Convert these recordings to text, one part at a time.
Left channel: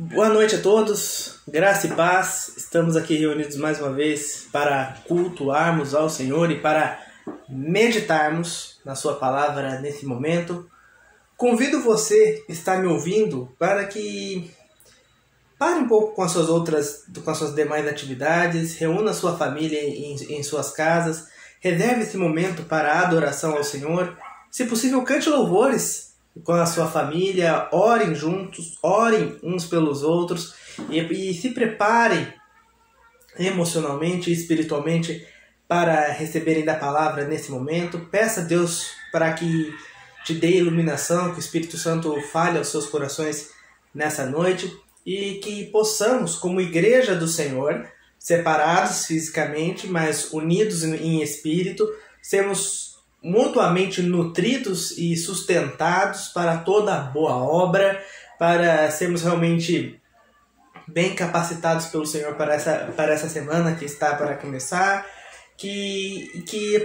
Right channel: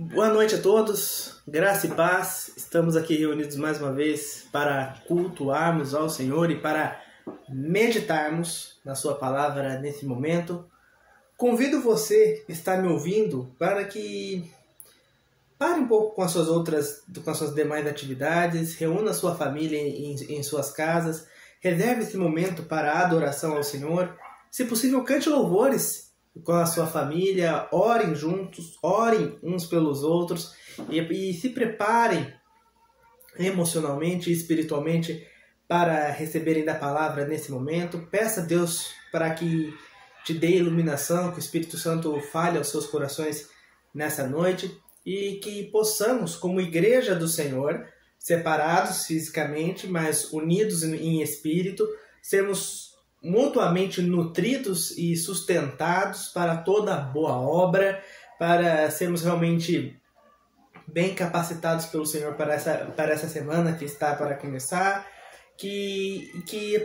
Boa noite a todos, graça e paz. Estamos aqui reunidos mais uma vez para cultuarmos ao Senhor e para meditarmos na sua palavra nesse momento. Convido você que está me ouvindo para que pare um pouco com as suas demais atividades, reúna a sua família em suas casas, reserve esse momento para a adoração ao Senhor. Se possível, cante louvores com a sua família, orem juntos, orem uns pelos outros e se preparem emocionalmente e espiritualmente para receberem da palavra nesse momento. Peça a Deus para que te dê iluminação, que o Espírito Santo fale aos seus corações nessa noite e que possamos, como igreja do Senhor, separados fisicamente, mas unidos em espírito, sermos mutuamente nutridos e sustentados para toda boa obra, para sermos realmente bem capacitados pelo Senhor para essa semana que está para começar, que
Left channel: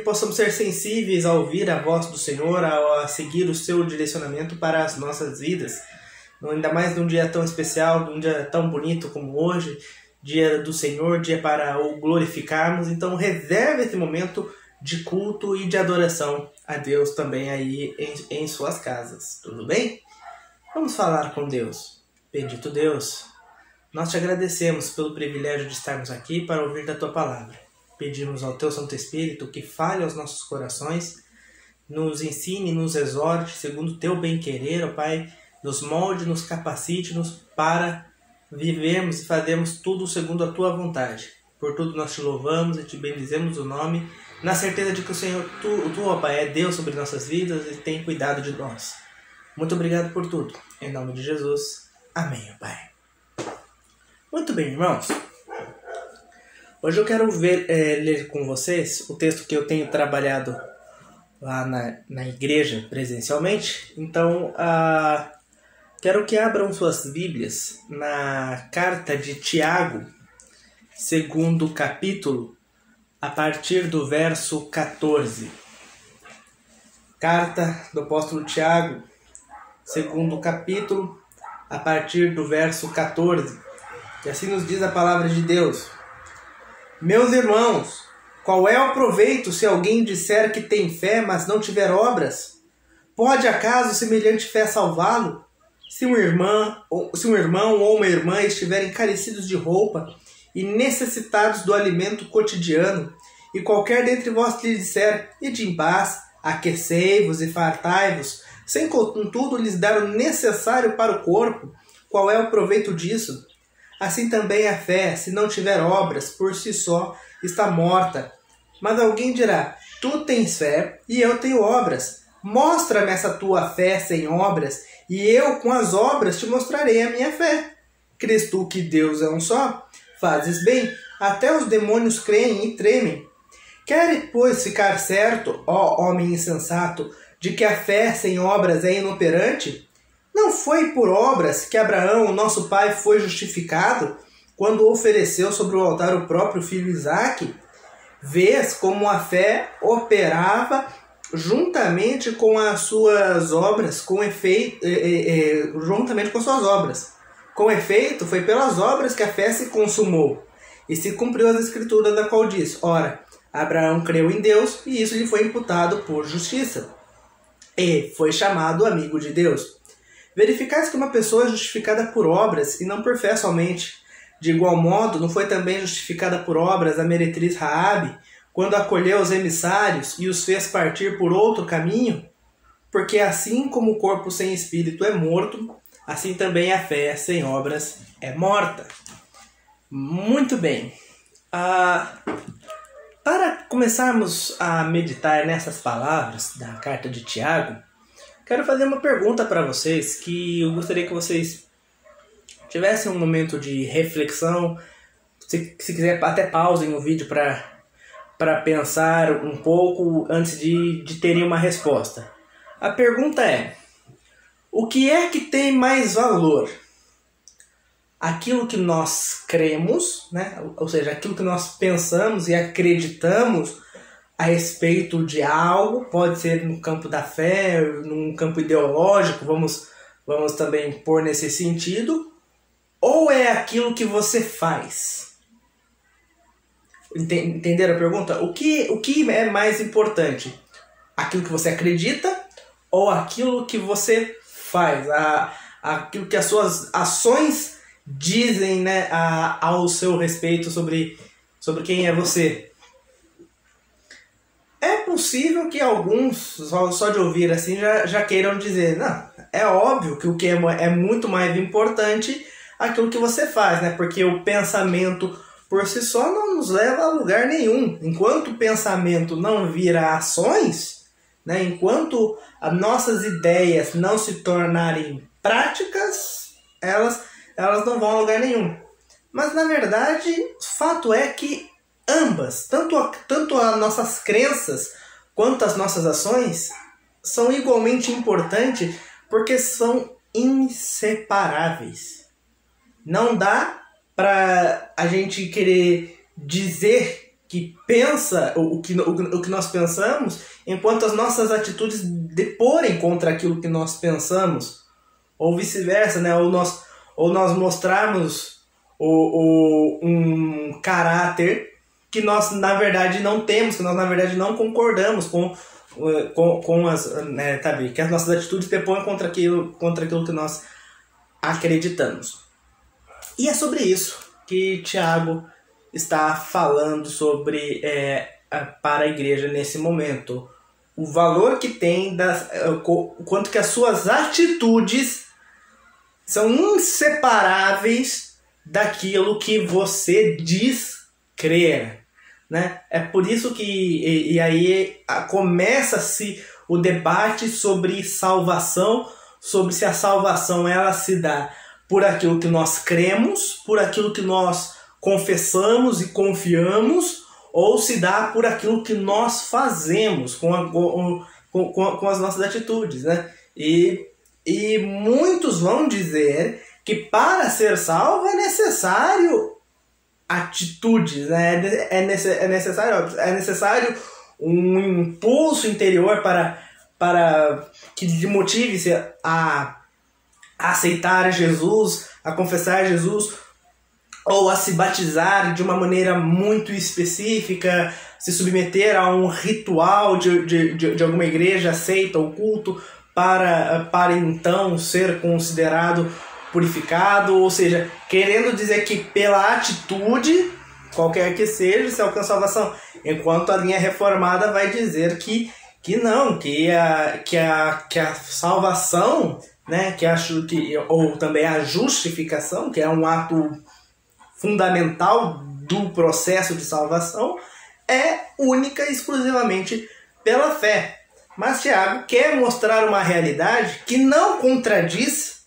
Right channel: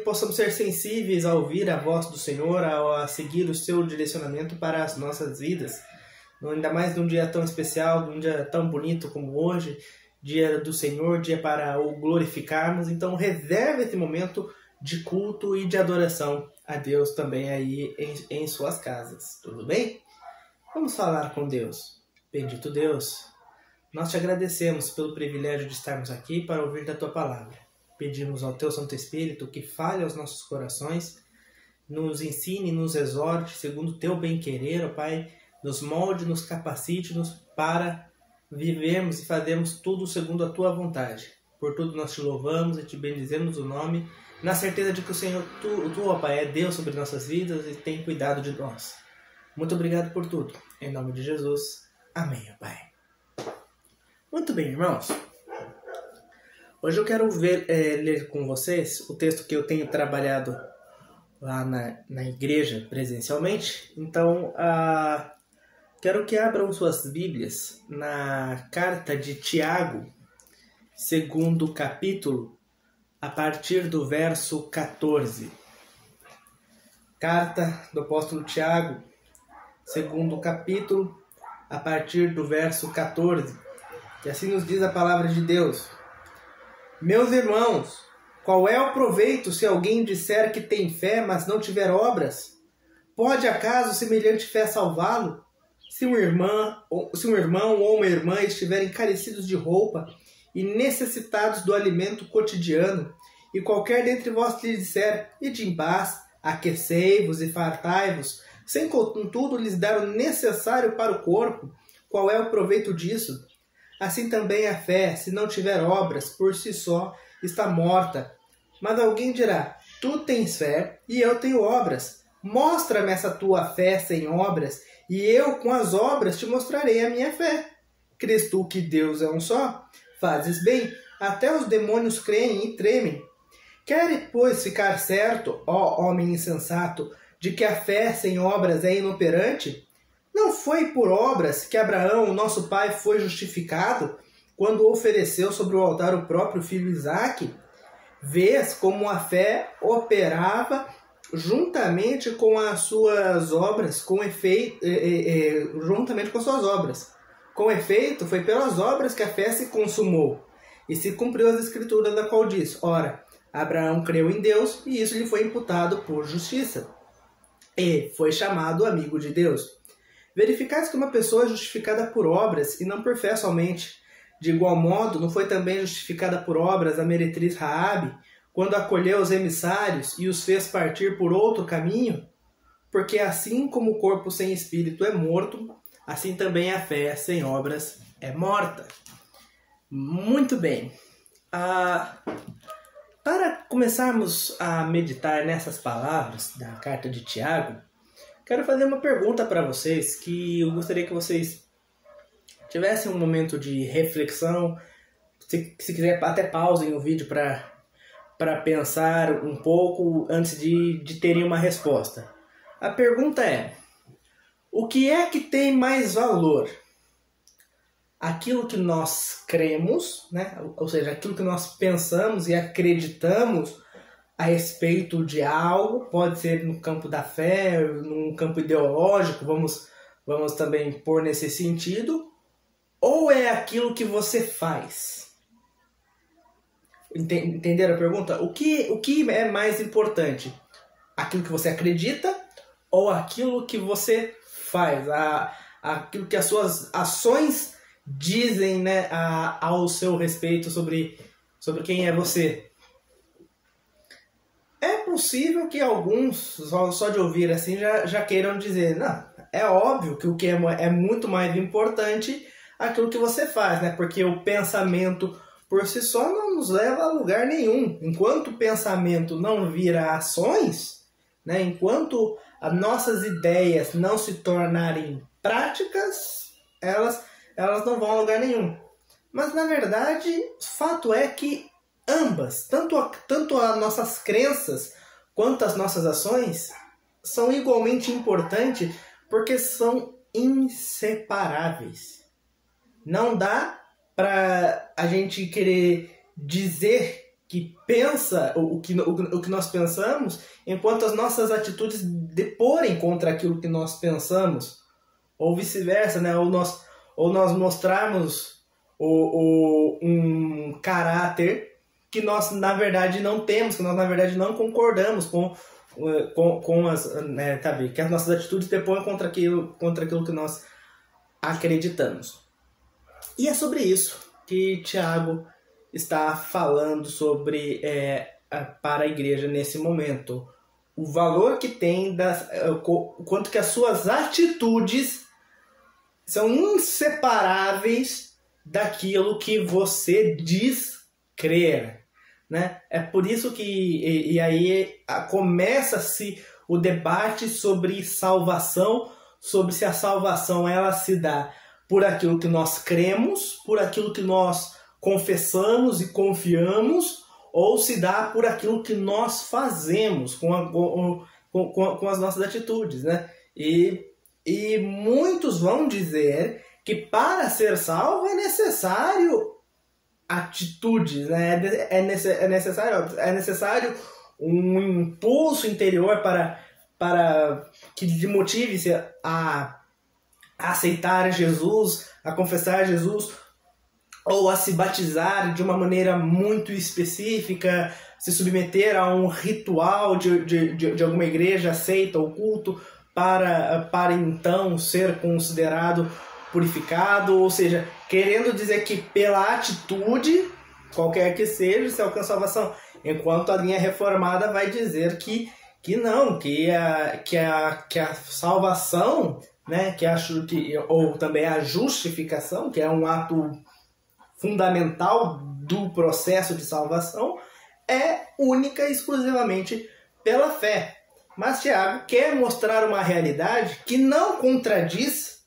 possamos ser sensíveis a ouvir a voz do Senhor, a seguir o seu direcionamento para as nossas vidas, ainda mais num dia tão especial, num dia tão bonito como hoje, dia do Senhor, dia para o glorificarmos. Então reserve esse momento de culto e de adoração a Deus também aí em suas casas, tudo bem? Vamos falar com Deus. Bendito Deus, nós te agradecemos pelo privilégio de estarmos aqui para ouvir da Tua Palavra. Pedimos ao Teu Santo Espírito que fale aos nossos corações, nos ensine, nos exorte, segundo o Teu bem-querer, ó Pai, nos molde, nos capacite-nos para vivermos e fazermos tudo segundo a Tua vontade. Por tudo nós te louvamos e te bendizemos o nome, na certeza de que o Senhor, Tu, ó Pai, é Deus sobre nossas vidas e tem cuidado de nós. Muito obrigado por tudo. Em nome de Jesus. Amém, ó Pai. Muito bem, irmãos. Hoje eu quero ler com vocês o texto que eu tenho trabalhado lá na igreja presencialmente. Então, quero que abram suas Bíblias na carta de Tiago, segundo capítulo, a partir do verso 14. Carta do apóstolo Tiago, segundo capítulo, a partir do verso 14. E assim nos diz a palavra de Deus: Meus irmãos, qual é o proveito se alguém disser que tem fé, mas não tiver obras? Pode acaso semelhante fé salvá-lo? Se um irmão ou uma irmã estiverem carecidos de roupa e necessitados do alimento cotidiano, e qualquer dentre vós lhe disser: ide em paz, aquecei-vos e fartai-vos, sem contudo lhes dar o necessário para o corpo, qual é o proveito disso? Assim também a fé, se não tiver obras, por si só está morta. Mas alguém dirá: tu tens fé e eu tenho obras. Mostra-me essa tua fé sem obras, e eu com as obras te mostrarei a minha fé. Crês tu que Deus é um só? Fazes bem, até os demônios creem e tremem. Queres, pois, ficar certo, ó homem insensato, de que a fé sem obras é inoperante? Não foi por obras que Abraão, nosso pai, foi justificado, quando ofereceu sobre o altar o próprio filho Isaque? Vês como a fé operava juntamente com as suas obras, juntamente com suas obras. Com efeito, foi pelas obras que a fé se consumou, e se cumpriu as escrituras, da qual diz: ora, Abraão creu em Deus, e isso lhe foi imputado por justiça, e foi chamado amigo de Deus. Verificais que uma pessoa é justificada por obras, e não por fé somente. De igual modo, não foi também justificada por obras a meretriz Raabe, quando acolheu os emissários e os fez partir por outro caminho? Porque assim como o corpo sem espírito é morto, assim também a fé sem obras é morta. Muito bem. Para começarmos a meditar nessas palavras da carta de Tiago, quero fazer uma pergunta para vocês, que eu gostaria que vocês tivessem um momento de reflexão. Se quiser, até pausem o vídeo para pensar um pouco antes de terem uma resposta. A pergunta é: o que é que tem mais valor? Aquilo que nós cremos, né? Ou seja, aquilo que nós pensamos e acreditamos a respeito de algo, pode ser no campo da fé, num campo ideológico, vamos também pôr nesse sentido, ou é aquilo que você faz? Entenderam a pergunta? O que é mais importante? Aquilo que você acredita ou aquilo que você faz? Aquilo que as suas ações dizem, né, ao seu respeito sobre quem é você. É possível que alguns, só de ouvir assim, já queiram dizer, não, é óbvio que o que é muito mais importante aquilo que você faz, né? Porque o pensamento por si só não nos leva a lugar nenhum. Enquanto o pensamento não vira ações, né? Enquanto as nossas ideias não se tornarem práticas, elas não vão a lugar nenhum. Mas na verdade, o fato é que ambas, tanto as nossas crenças quanto as nossas ações, são igualmente importantes porque são inseparáveis. Não dá para a gente querer dizer que pensa o que nós pensamos, enquanto as nossas atitudes deporem contra aquilo que nós pensamos, ou vice-versa, né? Ou nós mostrarmos um caráter que nós na verdade não temos, que nós na verdade não concordamos com as, né, sabe, que as nossas atitudes depõem contra aquilo que nós acreditamos. E é sobre isso que Tiago está falando sobre para a igreja nesse momento. O valor que tem, quanto que as suas atitudes são inseparáveis daquilo que você diz crer, né? É por isso que e aí começa-se o debate sobre salvação, sobre se a salvação ela se dá por aquilo que nós cremos, por aquilo que nós confessamos e confiamos, ou se dá por aquilo que nós fazemos com as nossas atitudes, né? E muitos vão dizer que para ser salvo é necessário atitudes, né? É necessário um impulso interior para que lhe motive-se a aceitar Jesus, a confessar Jesus, ou a se batizar de uma maneira muito específica, se submeter a um ritual de alguma igreja aceita ou culto para então ser considerado purificado, ou seja, querendo dizer que pela atitude, qualquer que seja, se alcança a salvação. Enquanto a linha reformada vai dizer que não, que a salvação, né, ou também a justificação, que é um ato fundamental do processo de salvação, é única e exclusivamente pela fé. Mas Tiago quer mostrar uma realidade que não contradiz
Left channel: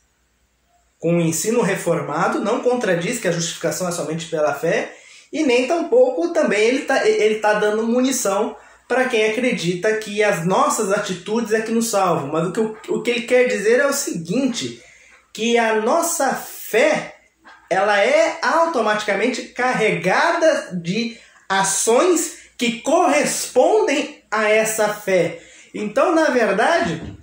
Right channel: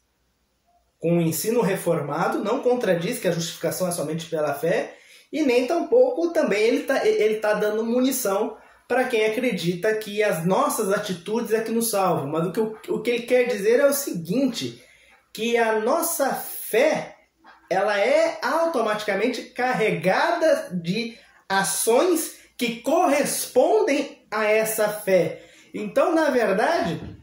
com o ensino reformado, não contradiz que a justificação é somente pela fé, e nem tampouco também ele tá dando munição para quem acredita que as nossas atitudes é que nos salvam. Mas o que ele quer dizer é o seguinte, que a nossa fé ela é automaticamente carregada de ações que correspondem a essa fé. Então, na verdade,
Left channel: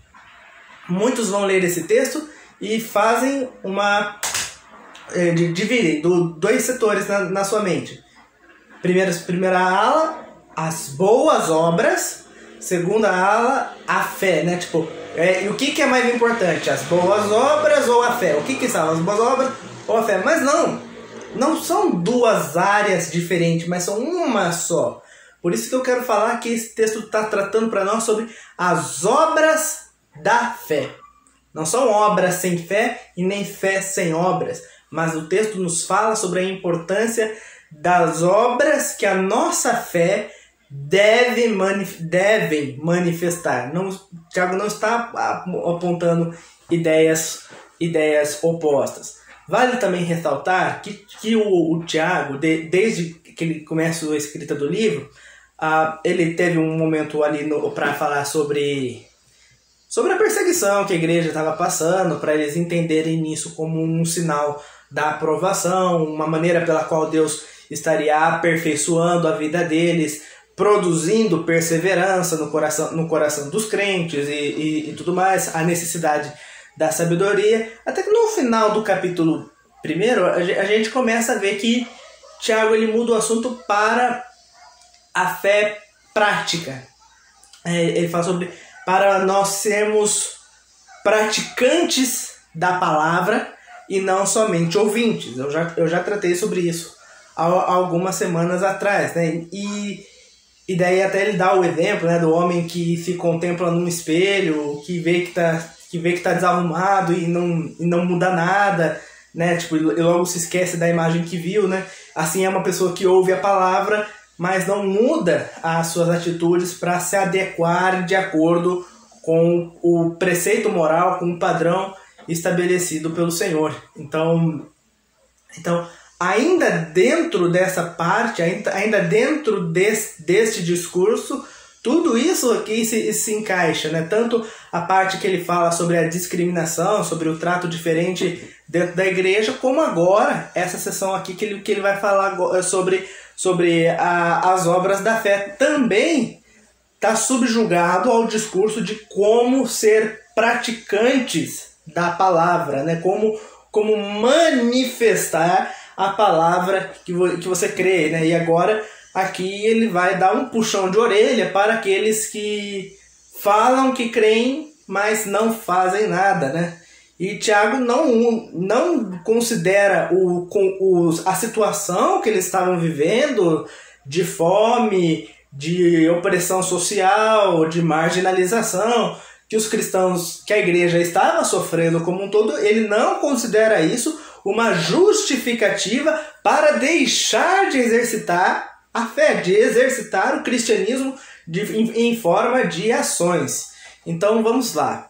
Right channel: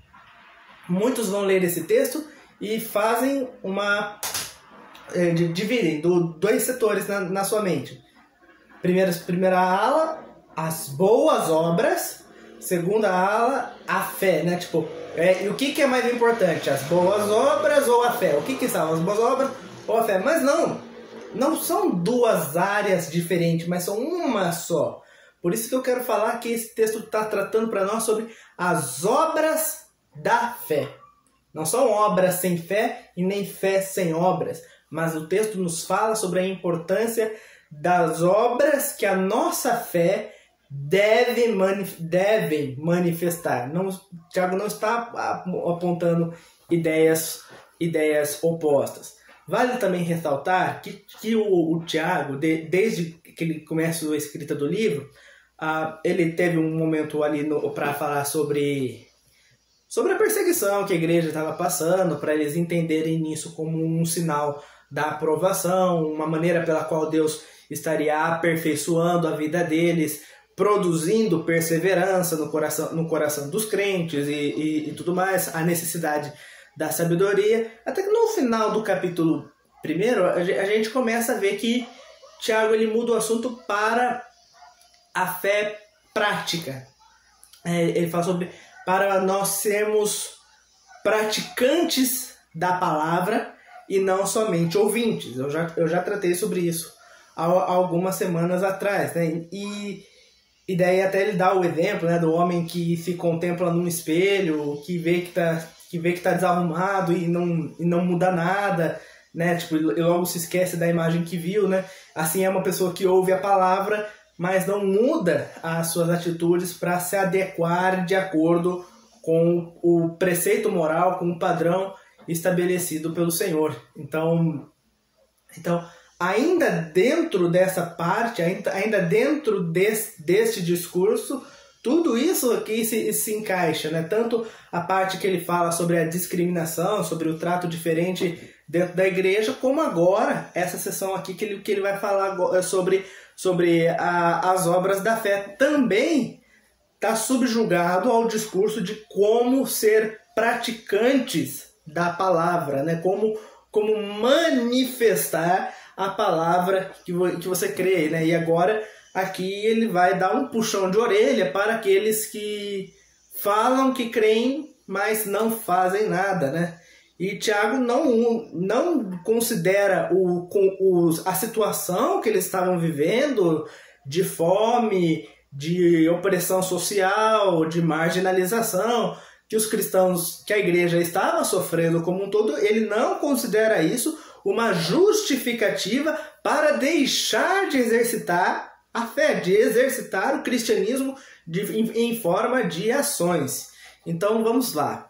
muitos vão ler esse texto e fazem dividem dois setores na sua mente. Primeira ala, as boas obras. Segunda ala, a fé, né? Tipo, e o que é mais importante? As boas obras ou a fé? O que são as boas obras ou a fé? Mas não são duas áreas diferentes, mas são uma só. Por isso que eu quero falar que esse texto está tratando para nós sobre as obras da fé. Não são obras sem fé e nem fé sem obras, mas o texto nos fala sobre a importância das obras que a nossa fé devem manifestar. Tiago não está apontando ideias opostas. Vale também ressaltar que o Tiago, desde que ele começou a escrita do livro, ele teve um momento ali para falar sobre a perseguição que a igreja estava passando, para eles entenderem isso como um sinal da aprovação, uma maneira pela qual Deus estaria aperfeiçoando a vida deles, produzindo perseverança no coração dos crentes e tudo mais, a necessidade da sabedoria, até que no final do capítulo Primeiro, a gente começa a ver que Tiago ele muda o assunto para a fé prática. Ele fala sobre para nós sermos praticantes da palavra e não somente ouvintes. Eu já tratei sobre isso há algumas semanas atrás, né? E daí até ele dá o exemplo, né, do homem que se contempla num espelho, que vê que tá desarrumado e não muda nada, né? Tipo, e logo se esquece da imagem que viu, né? Assim é uma pessoa que ouve a palavra, mas não muda as suas atitudes para se adequar de acordo com o preceito moral, com o padrão estabelecido pelo Senhor. Então ainda dentro dessa parte, ainda dentro deste discurso, tudo isso aqui se encaixa, né? Tanto a parte que ele fala sobre a discriminação, sobre o trato diferente dentro da igreja, como agora essa sessão aqui que ele vai falar sobre as obras da fé. Também está subjugado ao discurso de como ser praticantes da palavra, né? Como manifestar a palavra que você crê, né? E agora aqui ele vai dar um puxão de orelha para aqueles que falam que creem, mas não fazem nada, né? E Tiago não considera a situação que eles estavam vivendo de fome, de opressão social, de marginalização, que os cristãos, que a igreja estava sofrendo como um todo. Ele não considera isso uma justificativa para deixar de exercitar a fé, de exercitar o cristianismo em forma de ações. Então vamos lá.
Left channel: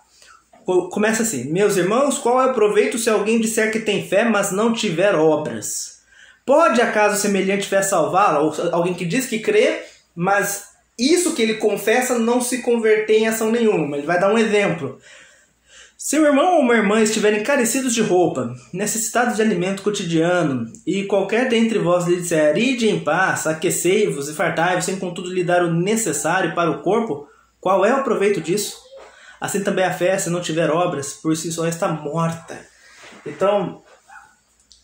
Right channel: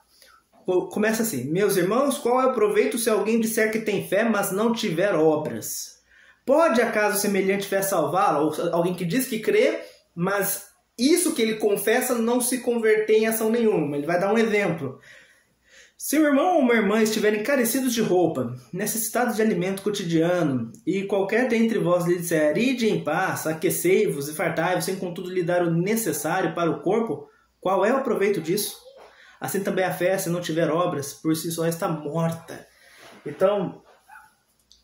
Começa assim: meus irmãos, qual é o proveito se alguém disser que tem fé, mas não tiver obras? Pode acaso semelhante fé salvá-lo? Ou alguém que diz que crê, mas isso que ele confessa não se converter em ação nenhuma. Ele vai dar um exemplo. Se o irmão ou uma irmã estiverem carecidos de roupa, necessitados de alimento cotidiano, e qualquer dentre vós lhe disser: ide em paz, aquecei-vos e fartai-vos, sem contudo lhe dar o necessário para o corpo, qual é o proveito disso? Assim também a fé, se não tiver obras, por si só está morta. Então,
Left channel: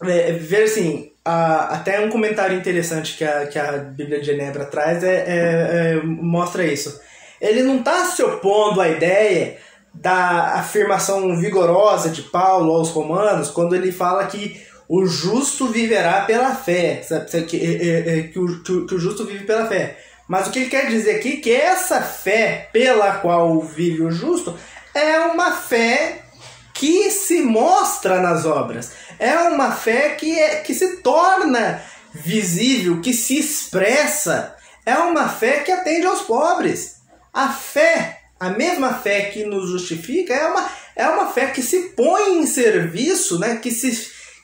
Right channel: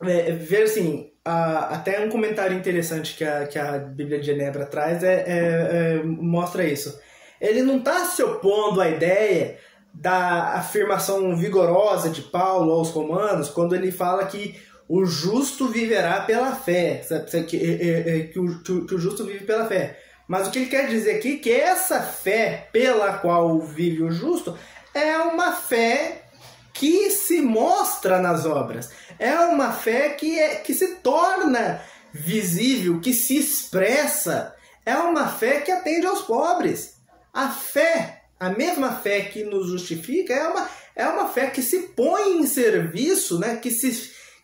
ver assim, até um comentário interessante que a Bíblia de Genebra traz mostra isso. Ele não está se opondo à ideia da afirmação vigorosa de Paulo aos Romanos, quando ele fala que o justo viverá pela fé, que o justo vive pela fé. Mas o que ele quer dizer aqui é que essa fé pela qual vive o justo é uma fé que se mostra nas obras. É uma fé que se torna visível, que se expressa. É uma fé que atende aos pobres. A mesma fé que nos justifica, é uma fé que se põe em serviço, né?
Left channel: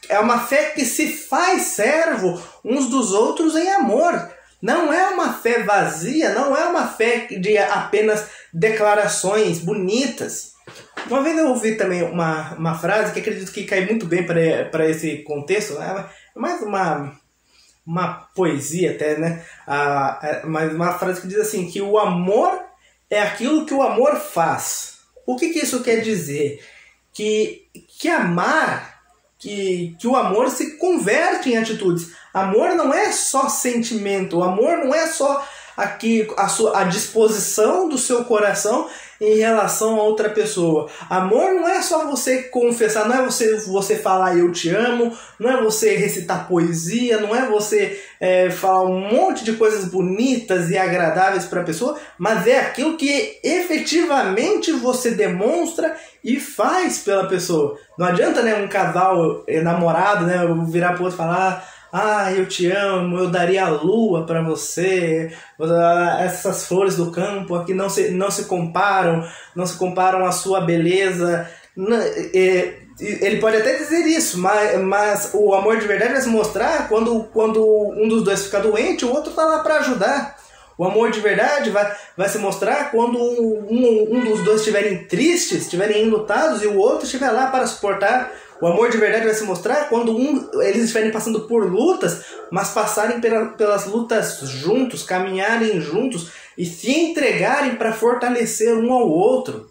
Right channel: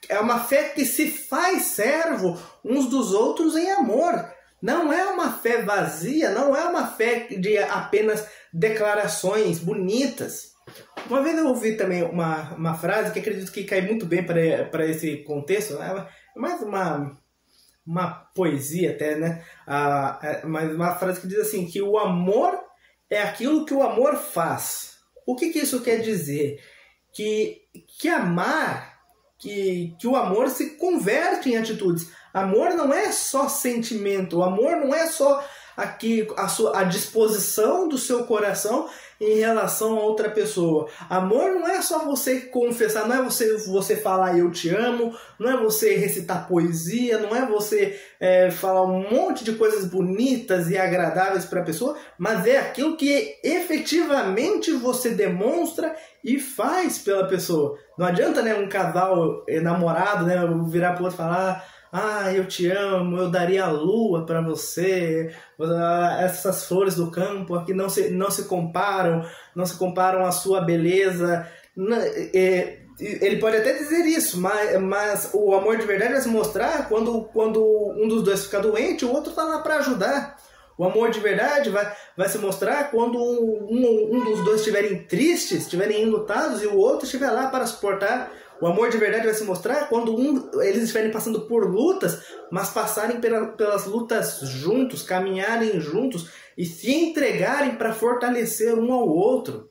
É uma fé que se faz servo uns dos outros em amor. Não é uma fé vazia, não é uma fé de apenas declarações bonitas. Uma vez eu ouvi também uma frase que acredito que cai muito bem para esse contexto, né? Mais uma poesia até, né? Mas uma frase que diz assim, que o amor é aquilo que o amor faz. O que isso quer dizer? Que amar, que o amor se converte em atitudes. Amor não é só sentimento, o amor não é só a disposição do seu coração em relação a outra pessoa. Amor não é só você confessar, não é você falar eu te amo, não é você recitar poesia, não é você falar um monte de coisas bonitas e agradáveis para a pessoa, mas é aquilo que efetivamente você demonstra e faz pela pessoa. Não adianta, né, um casal namorado, né, virar para o outro e falar: eu te amo, eu daria a lua para você, essas flores do campo aqui não se comparam à sua beleza. Ele pode até dizer isso, mas o amor de verdade vai se mostrar quando um dos dois fica doente, o outro está lá para ajudar. O amor de verdade vai se mostrar quando um dos dois estiverem tristes, estiverem enlutados, e o outro estiver lá para suportar. O amor de verdade vai se mostrar quando eles estiverem passando por lutas, mas passarem pelas lutas juntos, caminharem juntos e se entregarem para fortalecer um ao outro.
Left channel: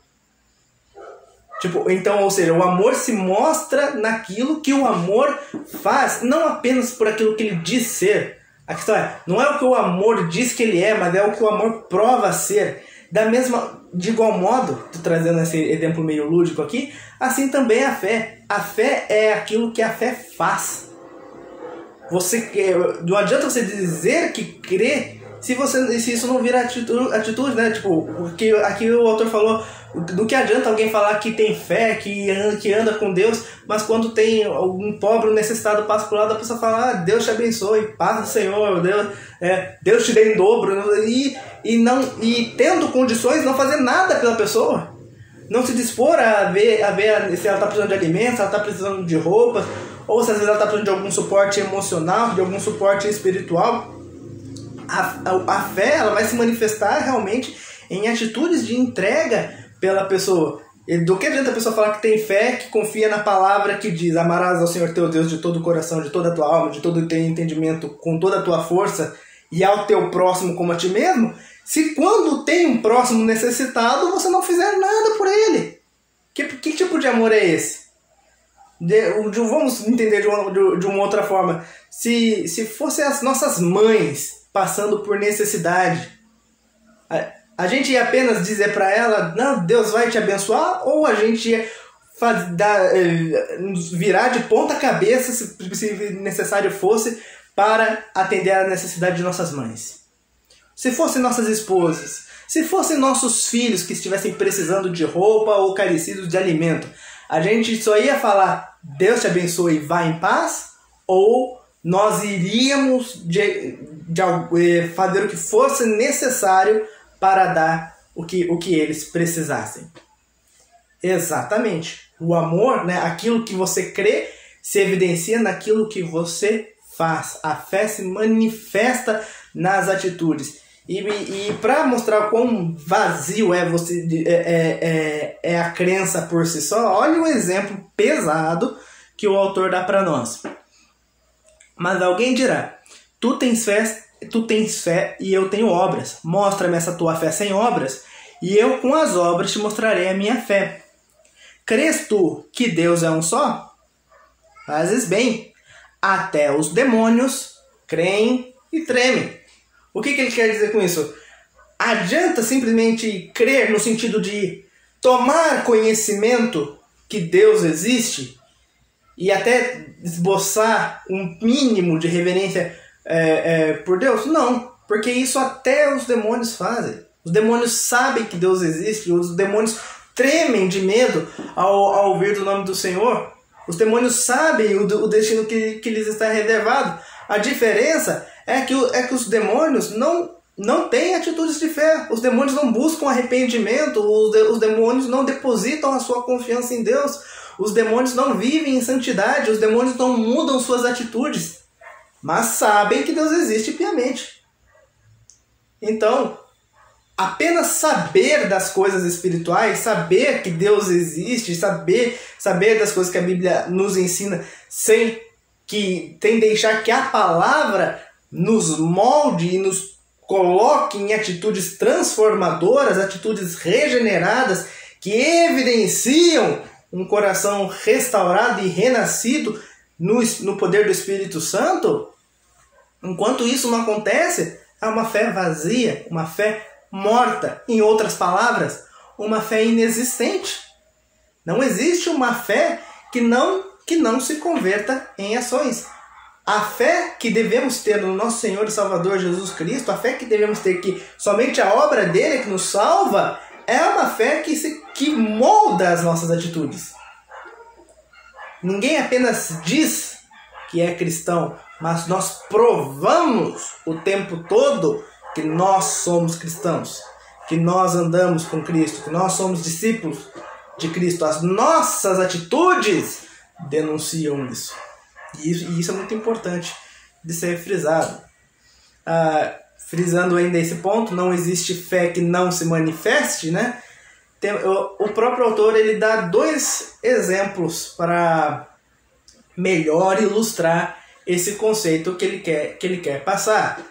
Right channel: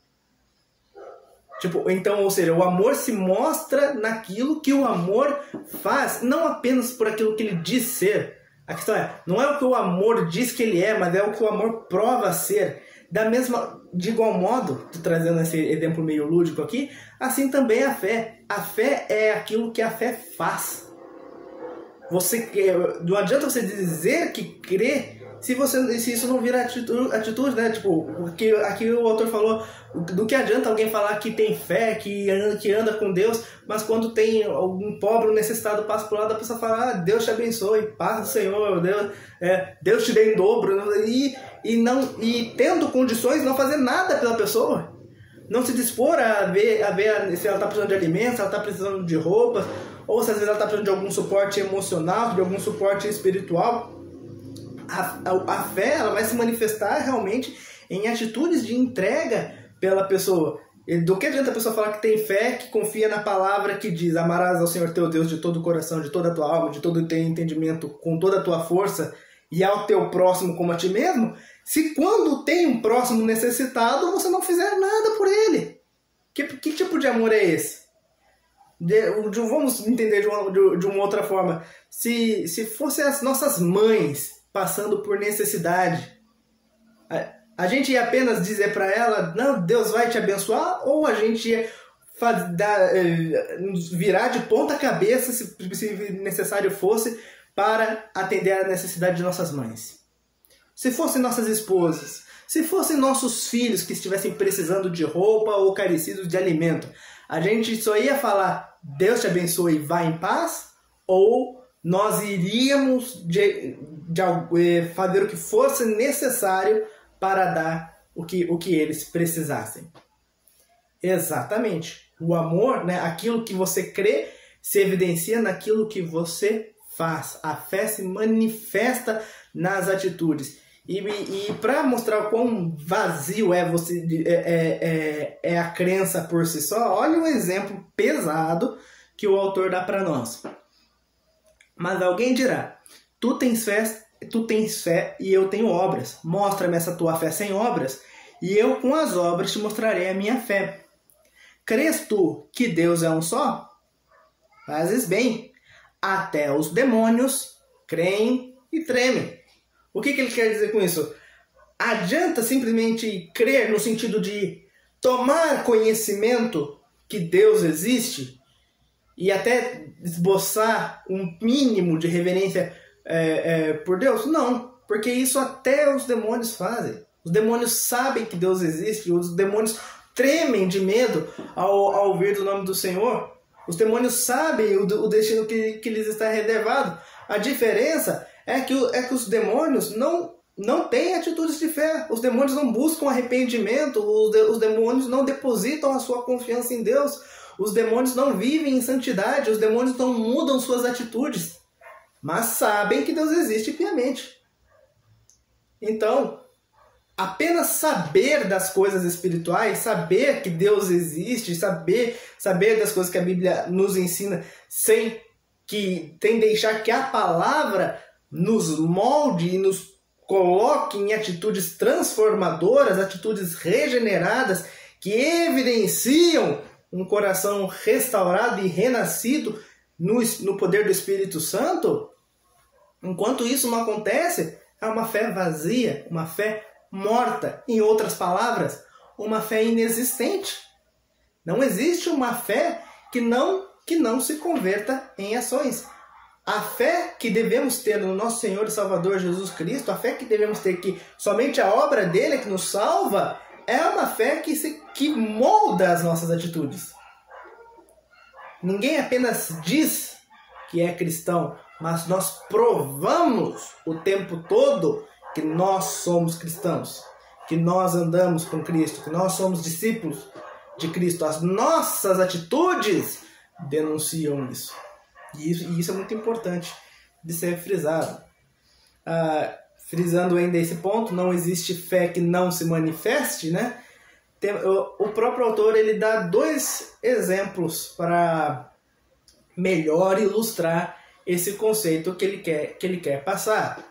Tipo, então, ou seja, o amor se mostra naquilo que o amor faz, não apenas por aquilo que ele diz ser. A questão é, não é o que o amor diz que ele é, mas é o que o amor prova ser. De igual modo, tô trazendo esse exemplo meio lúdico aqui, assim também a fé. A fé é aquilo que a fé faz. Não adianta você dizer que crê se isso não vira atitude, né? Tipo, aqui o autor falou, do que adianta alguém falar que tem fé, que anda com Deus, mas quando tem algum pobre necessitado passa por lado, a pessoa fala, Deus te abençoe, paz do Senhor, Deus te dê em dobro, e tendo condições, não fazer nada pela pessoa. Não se dispor a ver se ela está precisando de alimentos, se ela está precisando de roupas, ou se às vezes ela está precisando de algum suporte emocional, de algum suporte espiritual. A fé, ela vai se manifestar realmente em atitudes de entrega pela pessoa. E do que adianta a pessoa falar que tem fé, que confia na palavra que diz: amarás ao Senhor teu Deus de todo o coração, de toda a tua alma, de todo o teu entendimento, com toda a tua força, e ao teu próximo como a ti mesmo, se quando tem um próximo necessitado, você não fizer nada por ele. Que tipo de amor é esse? Vamos entender de uma outra forma. Se fossem as nossas mães passando por necessidade, a gente ia apenas dizer para ela, não, Deus vai te abençoar, ou a gente ia nos virar de ponta cabeça, se necessário fosse, para atender a necessidade de nossas mães? Se fossem nossas esposas, se fossem nossos filhos que estivessem precisando de roupa ou carecidos de alimento, a gente só ia falar, Deus te abençoe e vá em paz? Ou nós iríamos fazer o que fosse necessário para dar o que eles precisassem? Exatamente. O amor, né, aquilo que você crê, se evidencia naquilo que você faz. A fé se manifesta nas atitudes. E para mostrar quão vazio é a crença por si só, olha o exemplo pesado que o autor dá para nós. Mas alguém dirá, tu tens fé e eu tenho obras. Mostra-me essa tua fé sem obras, e eu com as obras te mostrarei a minha fé. Crês tu que Deus é um só? Fazes bem. Até os demônios creem e tremem. O que ele quer dizer com isso? Adianta simplesmente crer no sentido de tomar conhecimento que Deus existe e até esboçar um mínimo de reverência por Deus? Não, porque isso até os demônios fazem. Os demônios sabem que Deus existe, os demônios tremem de medo ao ouvir do nome do Senhor. Os demônios sabem o destino que lhes está reservado. A diferença é que os demônios não têm atitudes de fé. Os demônios não buscam arrependimento. Os demônios não depositam a sua confiança em Deus. Os demônios não vivem em santidade. Os demônios não mudam suas atitudes. Mas sabem que Deus existe piamente. Então, apenas saber das coisas espirituais, saber que Deus existe, saber das coisas que a Bíblia nos ensina, sem deixar que a palavra nos molde e nos coloque em atitudes transformadoras, atitudes regeneradas, que evidenciam um coração restaurado e renascido no poder do Espírito Santo. Enquanto isso não acontece, é uma fé vazia, uma fé morta. Em outras palavras, uma fé inexistente. Não existe uma fé que não se converta em ações. A fé que devemos ter no nosso Senhor e Salvador Jesus Cristo, a fé que devemos ter que somente a obra dele que nos salva, é uma fé que molda as nossas atitudes. Ninguém apenas diz que é cristão, mas nós provamos o tempo todo que nós somos cristãos, que nós andamos com Cristo, que nós somos discípulos de Cristo. As nossas atitudes denunciam isso. E isso é muito importante de ser frisado. Frisando ainda esse ponto, não existe fé que não se manifeste, né? O próprio autor ele dá 2 exemplos para melhor ilustrar esse conceito que ele quer passar.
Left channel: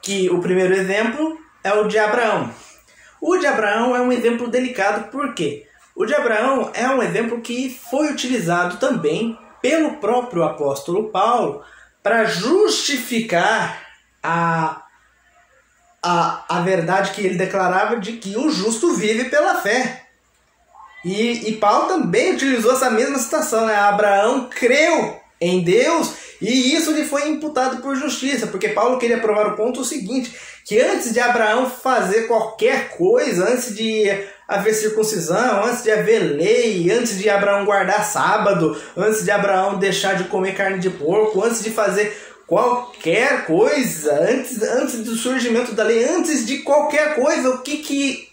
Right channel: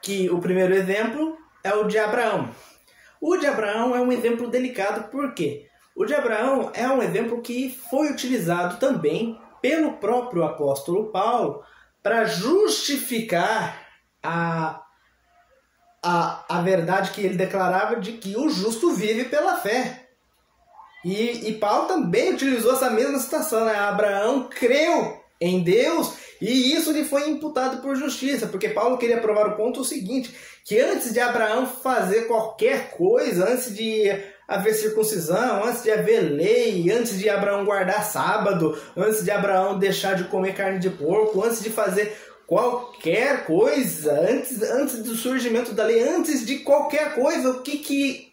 Que o primeiro exemplo é o de Abraão. O de Abraão é um exemplo delicado, por quê? O de Abraão é um exemplo que foi utilizado também pelo próprio apóstolo Paulo para justificar a verdade que ele declarava de que o justo vive pela fé. E Paulo também utilizou essa mesma citação, né? Abraão creu em Deus e isso lhe foi imputado por justiça, porque Paulo queria provar o ponto seguinte, que antes de Abraão fazer qualquer coisa, antes de haver circuncisão, antes de haver lei, antes de Abraão guardar sábado, antes de Abraão deixar de comer carne de porco, antes de fazer qualquer coisa, antes do surgimento da lei, antes de qualquer coisa, o que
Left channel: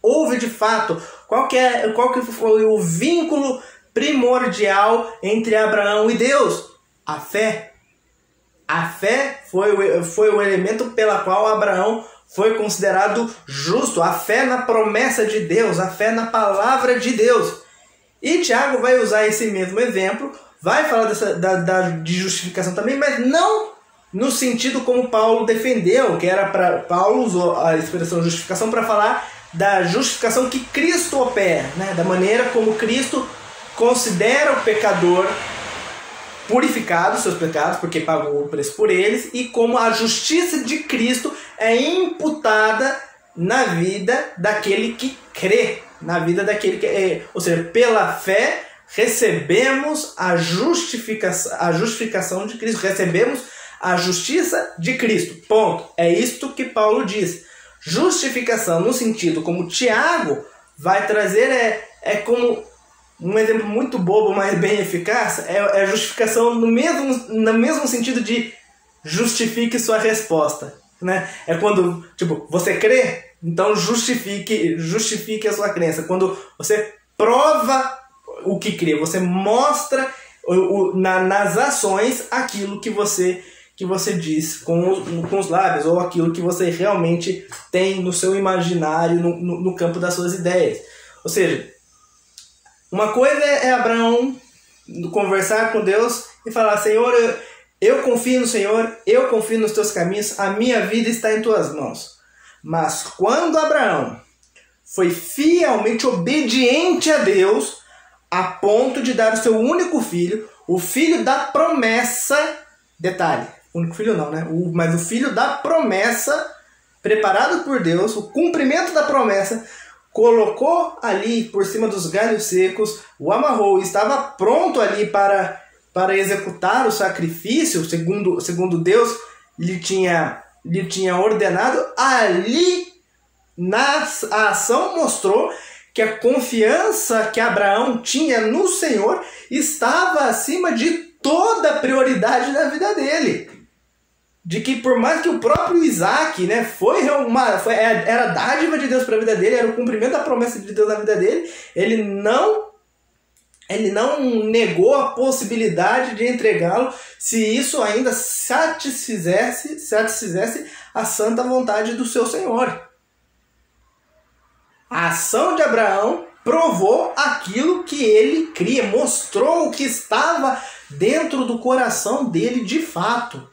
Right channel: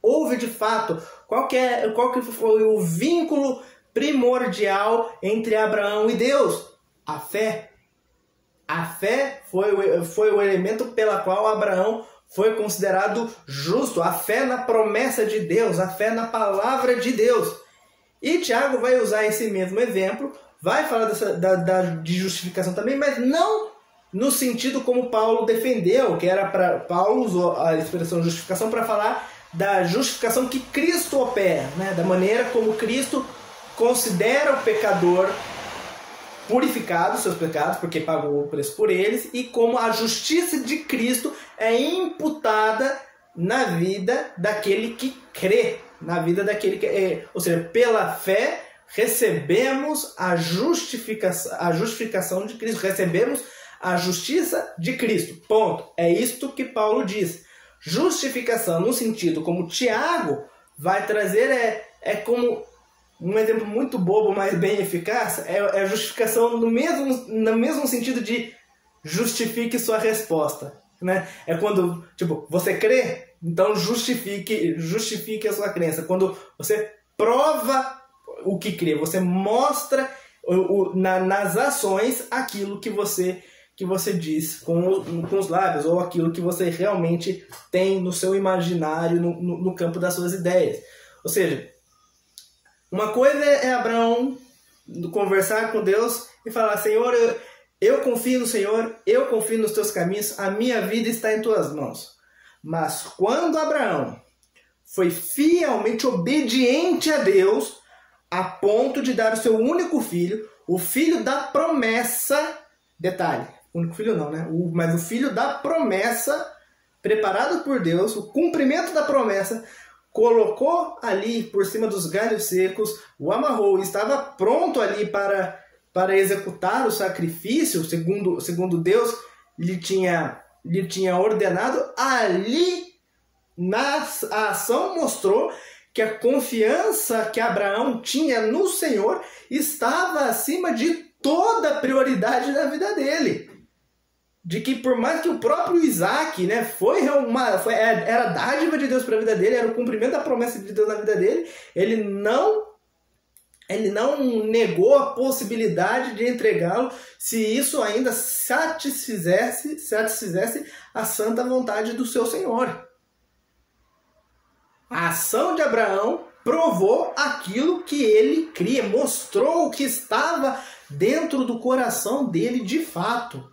houve de fato? Qual que foi o vínculo primordial entre Abraão e Deus? A fé. A fé foi o elemento pela qual Abraão foi considerado justo. A fé na promessa de Deus, a fé na palavra de Deus. E Tiago vai usar esse mesmo exemplo, vai falar de justificação também, mas não no sentido como Paulo defendeu, que era para Paulo usou a expressão justificação para falar da justificação que Cristo opera, né? Da maneira como Cristo considera o pecador purificado seus pecados, porque pagou o preço por eles, e como a justiça de Cristo é imputada na vida daquele que crê, na vida daquele que ou seja, pela fé recebemos a justificação de Cristo, recebemos a justiça de Cristo. Ponto. É isto que Paulo diz. Justificação no sentido como Tiago vai trazer é como um exemplo muito bobo, mas bem eficaz, é justificação no mesmo sentido de justifique sua resposta, né? É quando, tipo, você crê, então justifique a sua crença. Quando você prova o que crê, você mostra nas ações aquilo que você diz com os lábios, ou aquilo que você realmente tem no seu imaginário, no campo das suas ideias. Ou seja, uma coisa é Abraão conversar com Deus e falar: Senhor, eu confio no Senhor, eu confio nos teus caminhos, a minha vida está em tuas mãos. Mas quando Abraão foi fielmente obediente a Deus, a ponto de dar o seu único filho, o filho da promessa, detalhe, único filho não, né? Mas o filho da promessa, preparado por Deus, o cumprimento da promessa, colocou ali por cima dos galhos secos, o amarrou e estava pronto ali para executar o sacrifício, segundo Deus lhe tinha ordenado. Ali, a ação mostrou que a confiança que Abraão tinha no Senhor estava acima de toda a prioridade da vida dele. De que por mais que o próprio Isaac, né, era a dádiva de Deus para a vida dele, era o cumprimento da promessa de Deus na vida dele, ele não negou a possibilidade de entregá-lo se isso ainda satisfizesse a santa vontade do seu Senhor. A ação de Abraão provou aquilo que ele cria, mostrou o que estava dentro do coração dele de fato.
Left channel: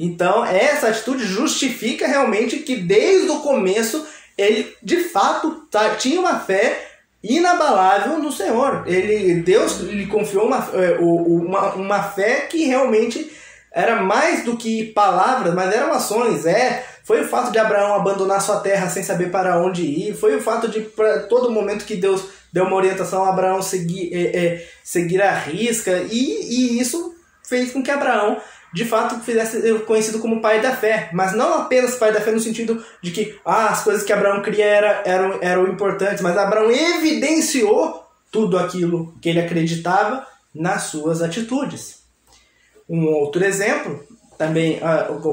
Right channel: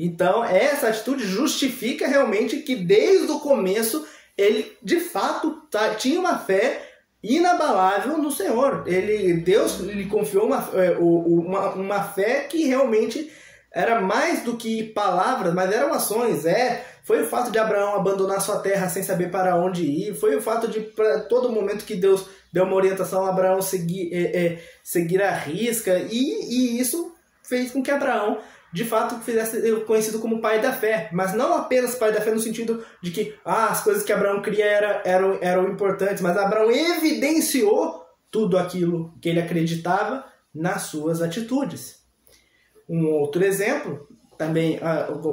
Então, essa atitude justifica realmente que desde o começo ele, de fato, tinha uma fé inabalável no Senhor. Deus lhe confiou uma fé que realmente era mais do que palavras, mas eram ações. Foi o fato de Abraão abandonar sua terra sem saber para onde ir. Foi o fato de, para todo momento que Deus deu uma orientação a Abraão seguir a risca. E isso fez com que Abraão de fato fizesse ser conhecido como pai da fé, mas não apenas pai da fé no sentido de que as coisas que Abraão cria eram importantes, mas Abraão evidenciou tudo aquilo que ele acreditava nas suas atitudes. Um outro exemplo, também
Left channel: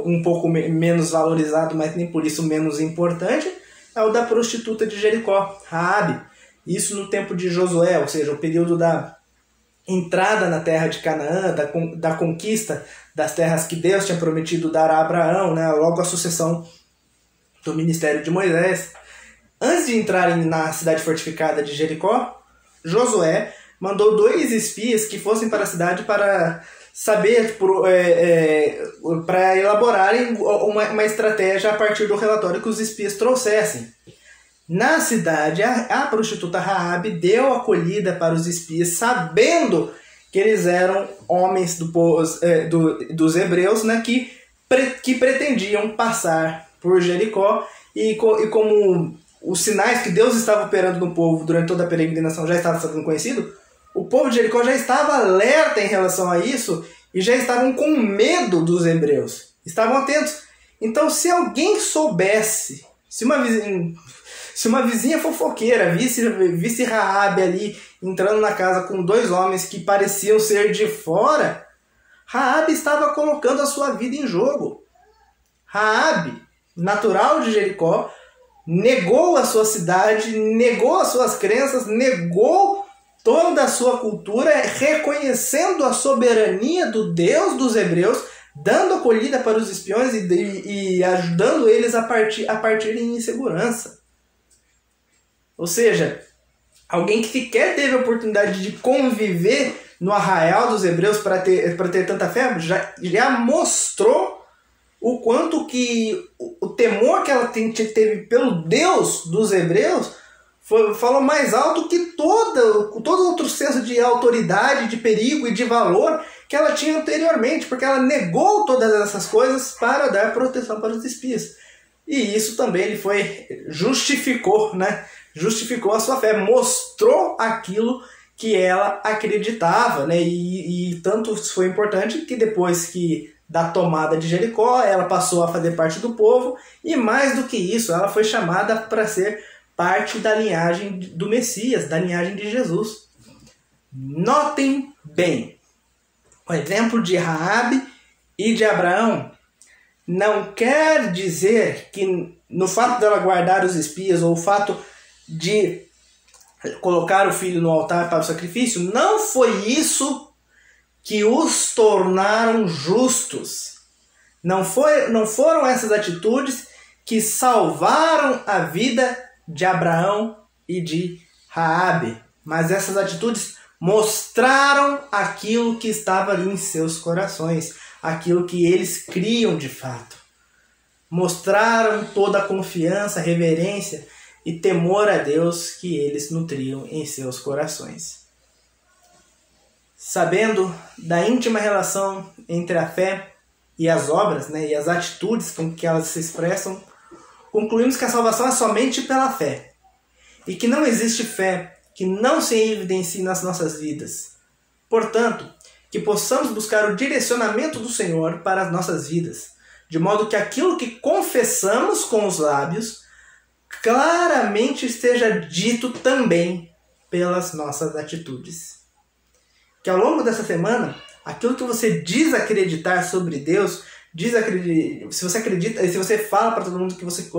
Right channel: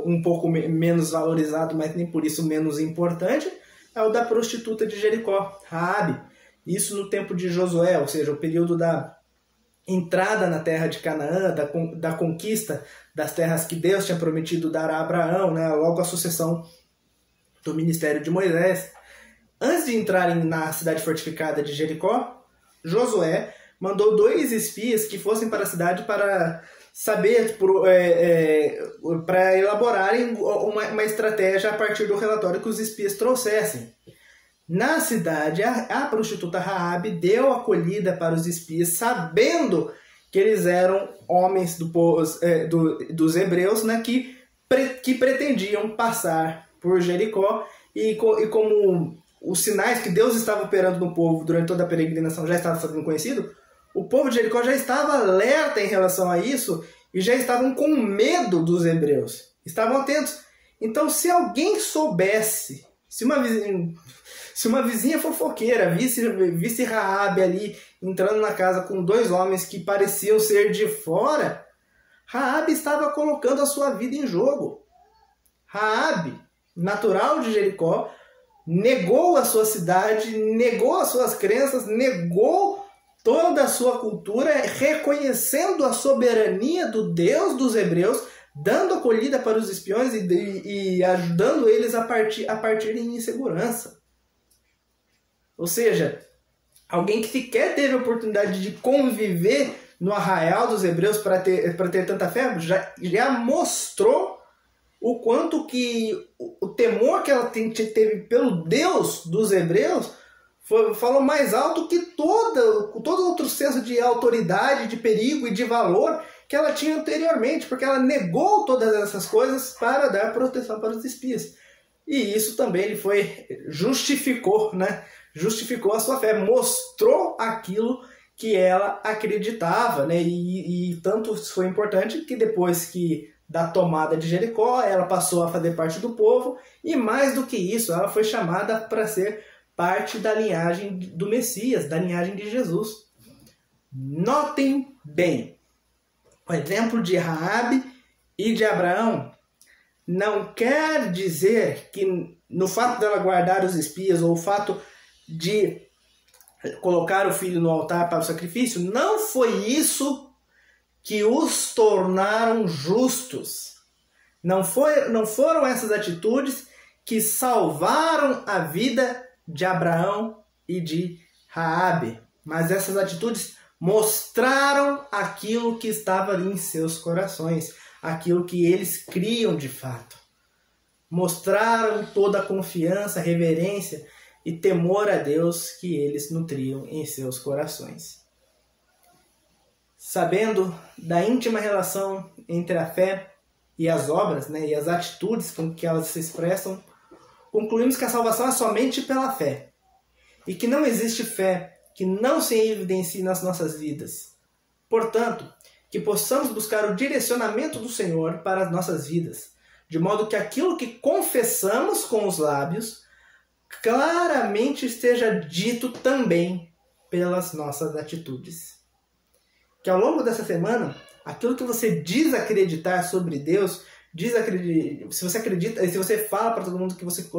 um pouco menos valorizado, mas nem por isso menos importante, é o da prostituta de Jericó, Raabe. Isso no tempo de Josué, ou seja, o período da entrada na terra de Canaã, da conquista das terras que Deus tinha prometido dar a Abraão, né? Logo a sucessão do ministério de Moisés. Antes de entrarem na cidade fortificada de Jericó, Josué mandou 2 espias que fossem para a cidade para saber, para elaborarem uma estratégia a partir do relatório que os espias trouxessem. Na cidade, a prostituta Raabe deu acolhida para os espias, sabendo que eles eram homens dos hebreus, né, que pretendiam passar por Jericó, e como os sinais que Deus estava operando no povo durante toda a peregrinação já estavam sendo conhecidos, o povo de Jericó já estava alerta em relação a isso e já estavam com medo dos hebreus. Estavam atentos. Então, se alguém soubesse, se uma vizinha fofoqueira visse Raabe ali entrando na casa com 2 homens que pareciam ser de fora, Raabe estava colocando a sua vida em jogo. Raabe, natural de Jericó, negou a sua cidade, negou as suas crenças, negou toda a sua cultura, reconhecendo a soberania do Deus dos hebreus, dando acolhida para os espiões e ajudando eles a partirem em segurança. Ou seja, alguém que sequer teve a oportunidade de conviver no arraial dos hebreus para ter tanta fé, já mostrou o quanto que o temor que ela teve pelo Deus dos hebreus falou mais alto que todo outro senso de autoridade, de perigo e de valor que ela tinha anteriormente, porque ela negou todas essas coisas para dar proteção para os espias. E isso também justificou, né? Justificou a sua fé, mostrou aquilo que ela acreditava, né? E tanto foi importante que depois da tomada de Jericó, ela passou a fazer parte do povo, e mais do que isso, ela foi chamada para ser parte da linhagem do Messias, da linhagem de Jesus. Notem bem, o exemplo de Raabe e de Abraão não quer dizer que no fato dela guardar os espias, ou o fato de colocar o filho no altar para o sacrifício, não foi isso que os tornaram justos. Não foram essas atitudes que salvaram a vida de Abraão e de Raabe, mas essas atitudes mostraram aquilo que estava ali em seus corações, aquilo que eles criam de fato. Mostraram toda a confiança, reverência e temor a Deus que eles nutriam em seus corações. Sabendo da íntima relação entre a fé e as obras, né, e as atitudes com que elas se expressam, concluímos que a salvação é somente pela fé, e que não existe fé que não se evidencie nas nossas vidas. Portanto, que possamos buscar o direcionamento do Senhor para as nossas vidas, de modo que aquilo que confessamos com os lábios claramente esteja dito também pelas nossas atitudes. Que ao longo dessa semana, aquilo que você diz acreditar sobre Deus, se você acredita, se você fala para todo mundo que você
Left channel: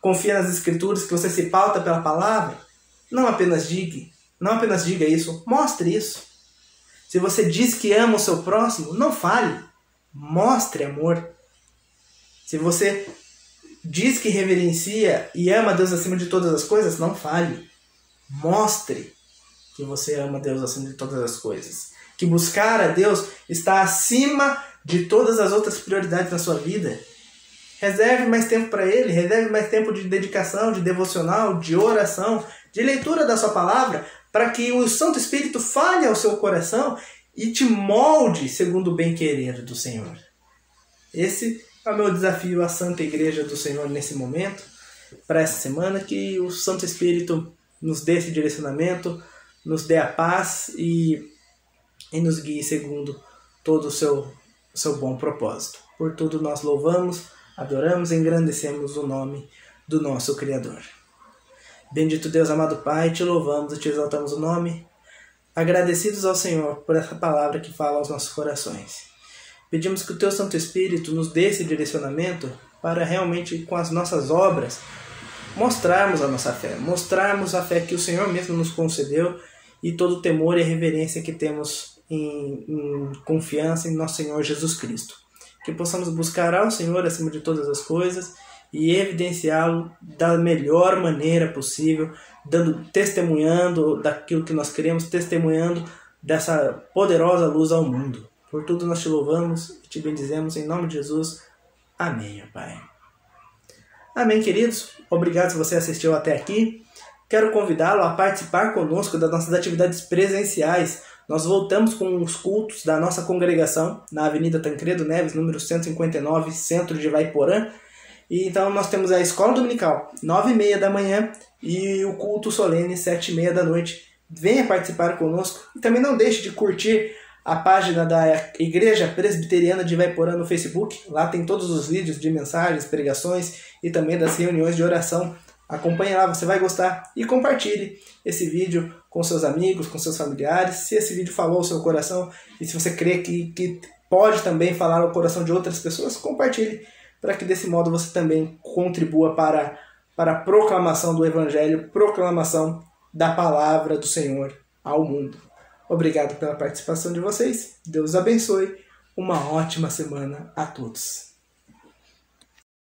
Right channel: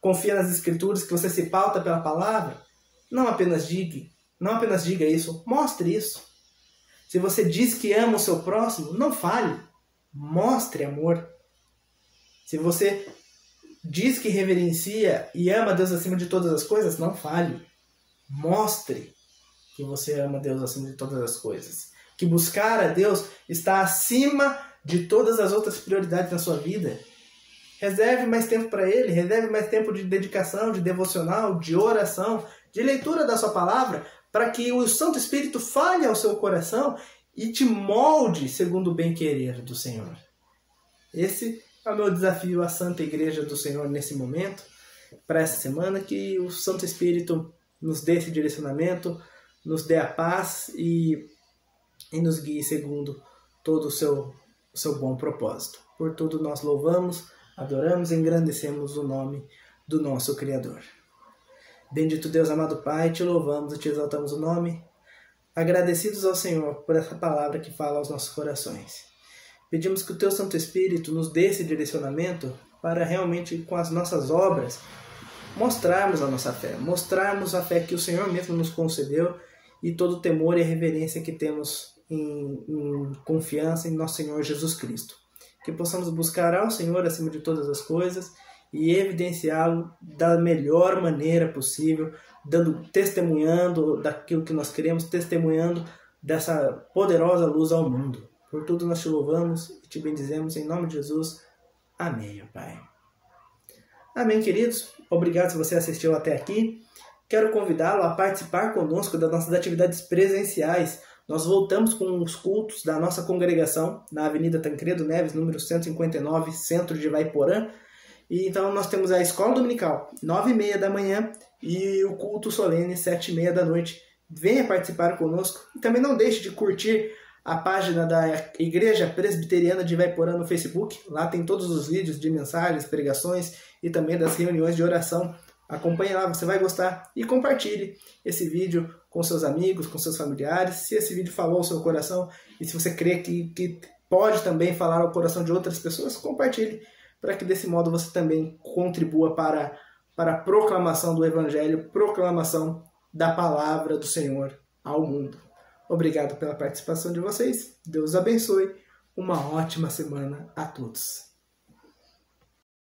confia nas Escrituras, que você se pauta pela palavra, não apenas diga isso, mostre isso. Se você diz que ama o seu próximo, não fale, mostre amor. Se você diz que reverencia e ama Deus acima de todas as coisas, não fale, mostre que você ama Deus acima de todas as coisas. Que buscar a Deus está acima de todas as outras prioridades na sua vida. Reserve mais tempo para Ele, reserve mais tempo de dedicação, de devocional, de oração, de leitura da sua palavra, para que o Santo Espírito fale ao seu coração e te molde segundo o bem-querer do Senhor. Esse é o meu desafio à Santa Igreja do Senhor nesse momento, para essa semana, que o Santo Espírito nos dê esse direcionamento, nos dê a paz e nos guie segundo todo o seu bom propósito. Por tudo nós louvamos, adoramos e engrandecemos o nome do nosso Criador. Bendito Deus, amado Pai, te louvamos e te exaltamos o nome, agradecidos ao Senhor por essa palavra que fala aos nossos corações. Pedimos que o Teu Santo Espírito nos dê esse direcionamento para realmente, com as nossas obras, mostrarmos a nossa fé, mostrarmos a fé que o Senhor mesmo nos concedeu e todo o temor e reverência que temos em confiança em nosso Senhor Jesus Cristo. Que possamos buscar ao Senhor acima de todas as coisas e evidenciá-lo da melhor maneira possível, testemunhando daquilo que nós queremos, testemunhando dessa poderosa luz ao mundo. Por tudo nós te louvamos e te bendizemos em nome de Jesus. Amém, Pai. Amém, queridos? Obrigado se você assistiu até aqui. Quero convidá-lo a participar conosco das nossas atividades presenciais. Nós voltamos com os cultos da nossa congregação na Avenida Tancredo Neves, número 159, centro de Vaiporã. E então nós temos a escola dominical, 9h30 da manhã, e o culto solene, 7h30 da noite. Venha participar conosco e também não deixe de curtir a página da Igreja Presbiteriana de Vaiporã no Facebook. Lá tem todos os vídeos de mensagens, pregações e também das reuniões de oração. Acompanhe lá, você vai gostar, e compartilhe esse vídeo com seus amigos, com seus familiares. Se esse vídeo falou ao seu coração e se você crê que pode também falar ao coração de outras pessoas, compartilhe, para que desse modo você também contribua para a proclamação do Evangelho, proclamação da palavra do Senhor ao mundo. Obrigado pela participação de vocês. Deus abençoe. Uma ótima semana a todos.